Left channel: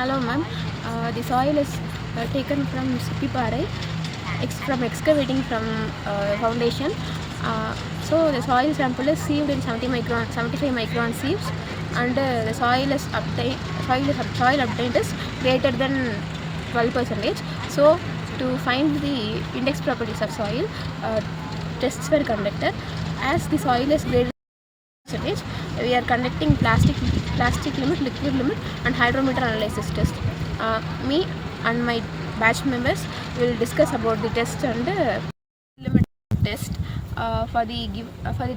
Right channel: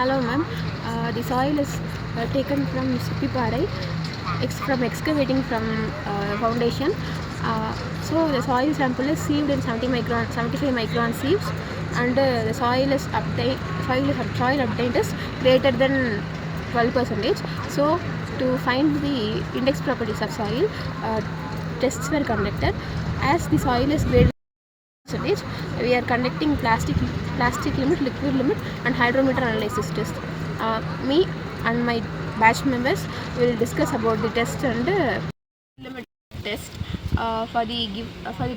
Hello ma'am. The soil is taken from Sippipare, from excavating from foundation. So the soil sample is sieved in 75 micron sieves, and the soil obtained is greater than 12%. So to find the index properties of soil, tests were conducted. As the soil is greater percentage, we are conducting plastic limit, liquid limit, and hydrometer analysis test. Me and my batch members will discuss about the test and limit test for the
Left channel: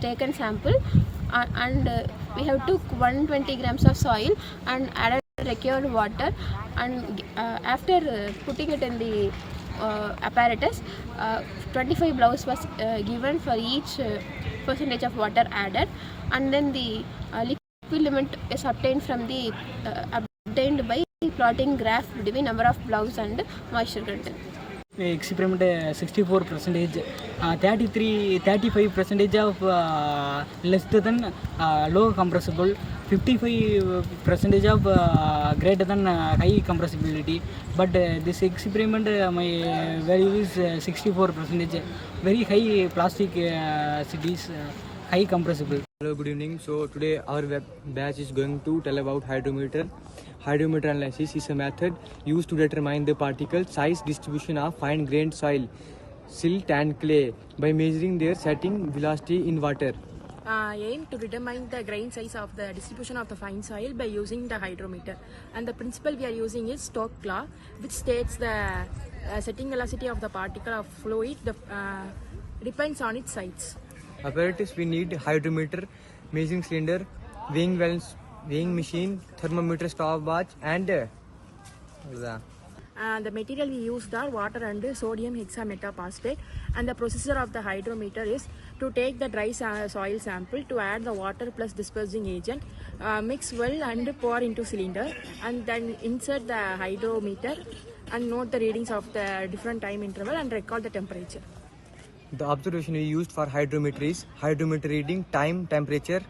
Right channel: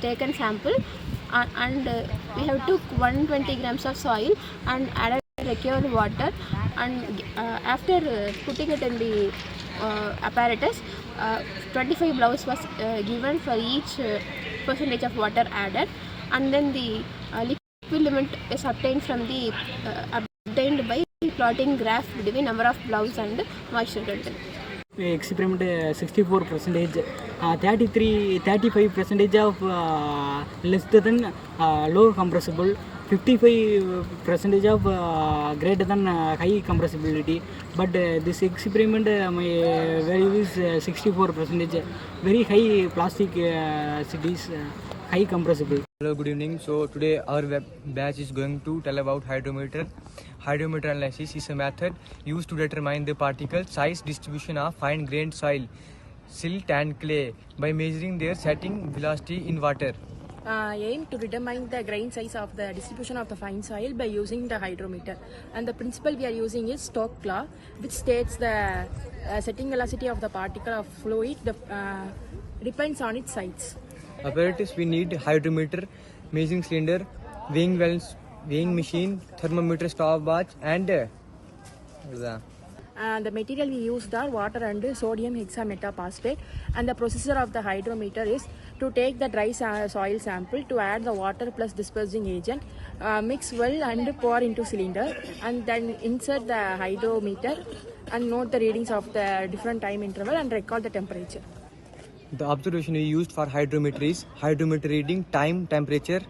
taken sample, and we have took 120 grams of soil and added required water, and after putting it in the apparatus, 25 blows was given for each percentage of water added, and then the liquid limit is obtained from the obtained by plotting graph between number of blows and moisture content. Experiment 64%, 35% of less than low compressible, 55% of greater than high compressibility. But this experiment my value is 64%, very high plastic cities, high compressible. Hello, good evening. So today our batch is going to tell about hydrometer. Hydrometer analysis is a method used to determine the particle size distribution of fine-grained soil, silt and clay by measuring their setting velocity in water. Aim to determine the grain size of the distribution of the fine soil by using the hydrometer, and the principle we are using is Stokes law, which states the setting velocity of the particle of fluid depends on its size. Apparatus we need: hydrometer, measuring cylinder, weighing wells, weighing machine, thermometer, stopwatch, and The material we used are water and sodium hexametaphosphate, and the procedure of the hydrometer is to take the dry soil sample, to add the water plus dispersing agent, mix well and pour into cylinder, and then insert the hydrometer and note the readings of the different time interval and record the temperature. The observation we used for hydrometer is hydrometer reading, time, temperature.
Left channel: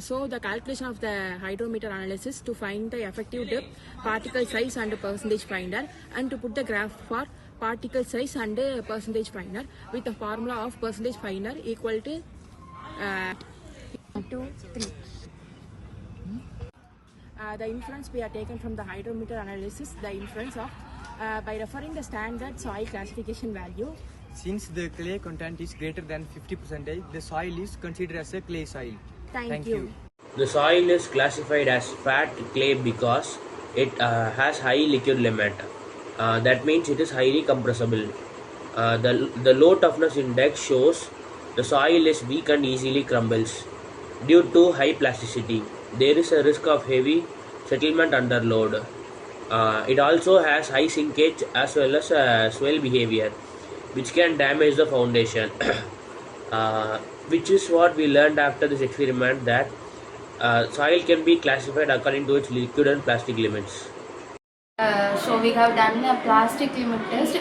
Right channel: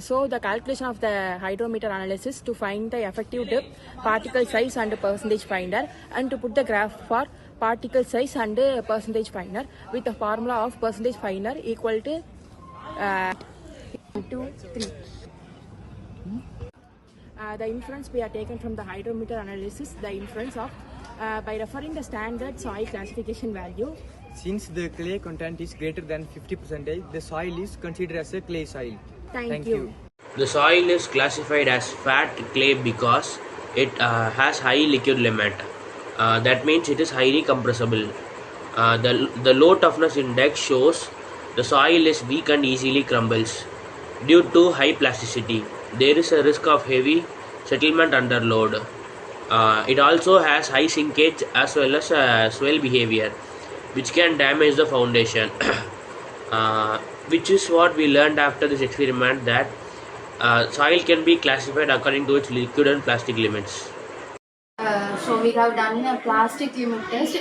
So the calculation of the hydrometer analysis to find the effective depth, particle size and percentage finder, and to put the graph for particle size and percentage finder with the formula of percentage finder equal to 2, 3. The inference we are taken from the hydrometer analysis, the inference of by referring the standard soil classification value. Since the clay content is greater than 50%, the soil is considered as a clay soil. Thank you. The soil is classified as fat clay because it has high liquid limit. That means it is highly compressible. The low toughness index shows the soil is weak and easily crumbles. Due to high plasticity, there is a risk of heavy settlement under load. It also has high sinkage as well as swell behavior, which can damage the foundation. Which is what we learned after this experiment, that soil can be classified according to its liquid and plastic limits. So we have done a plastic limit test.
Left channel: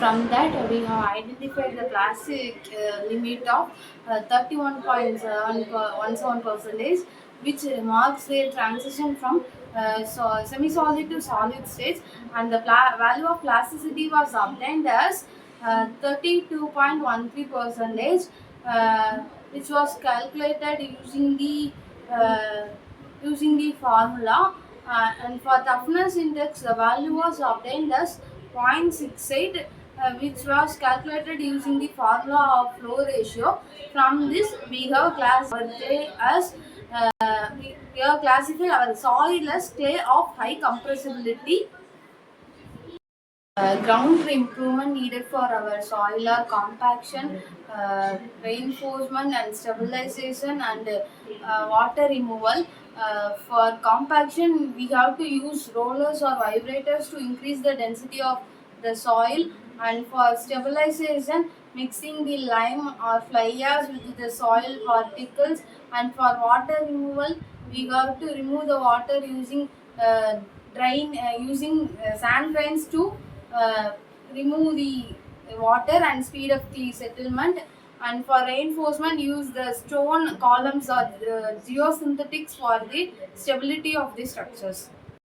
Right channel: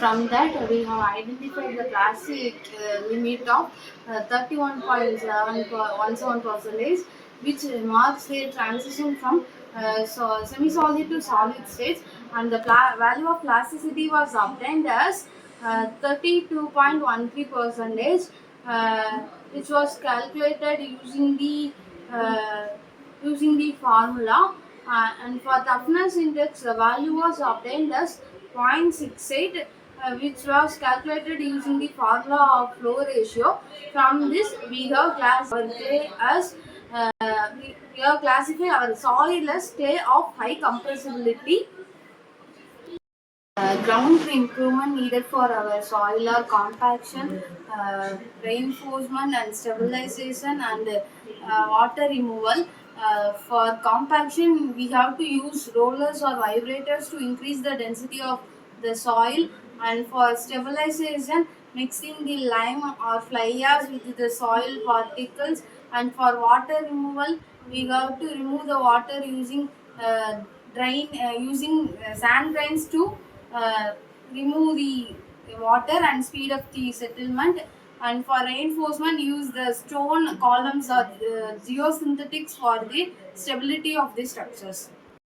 From that we have identified the plastic limit of 31.17%, which marks the transition from semi-solid to solid state, and the value of plasticity was obtained as 32.13%, which was calculated using the formula, and for toughness index the value was obtained as 0.68, which was calculated using the formula of flow ratio. From this we have classified as we have classified our soil as clay of high compressibility. Ground improvement needed for our soil are compaction, reinforcement and stabilization, and water removal. For compaction, we have to use rollers or vibrators to increase the density of the soil, and for stabilization, mixing the lime or fly ash with the soil particles, and for water removal, we have to remove the water using sand drains to remove the water and speed up the settlement, and for reinforcement use the stone columns or geosynthetics for the stability of the structures.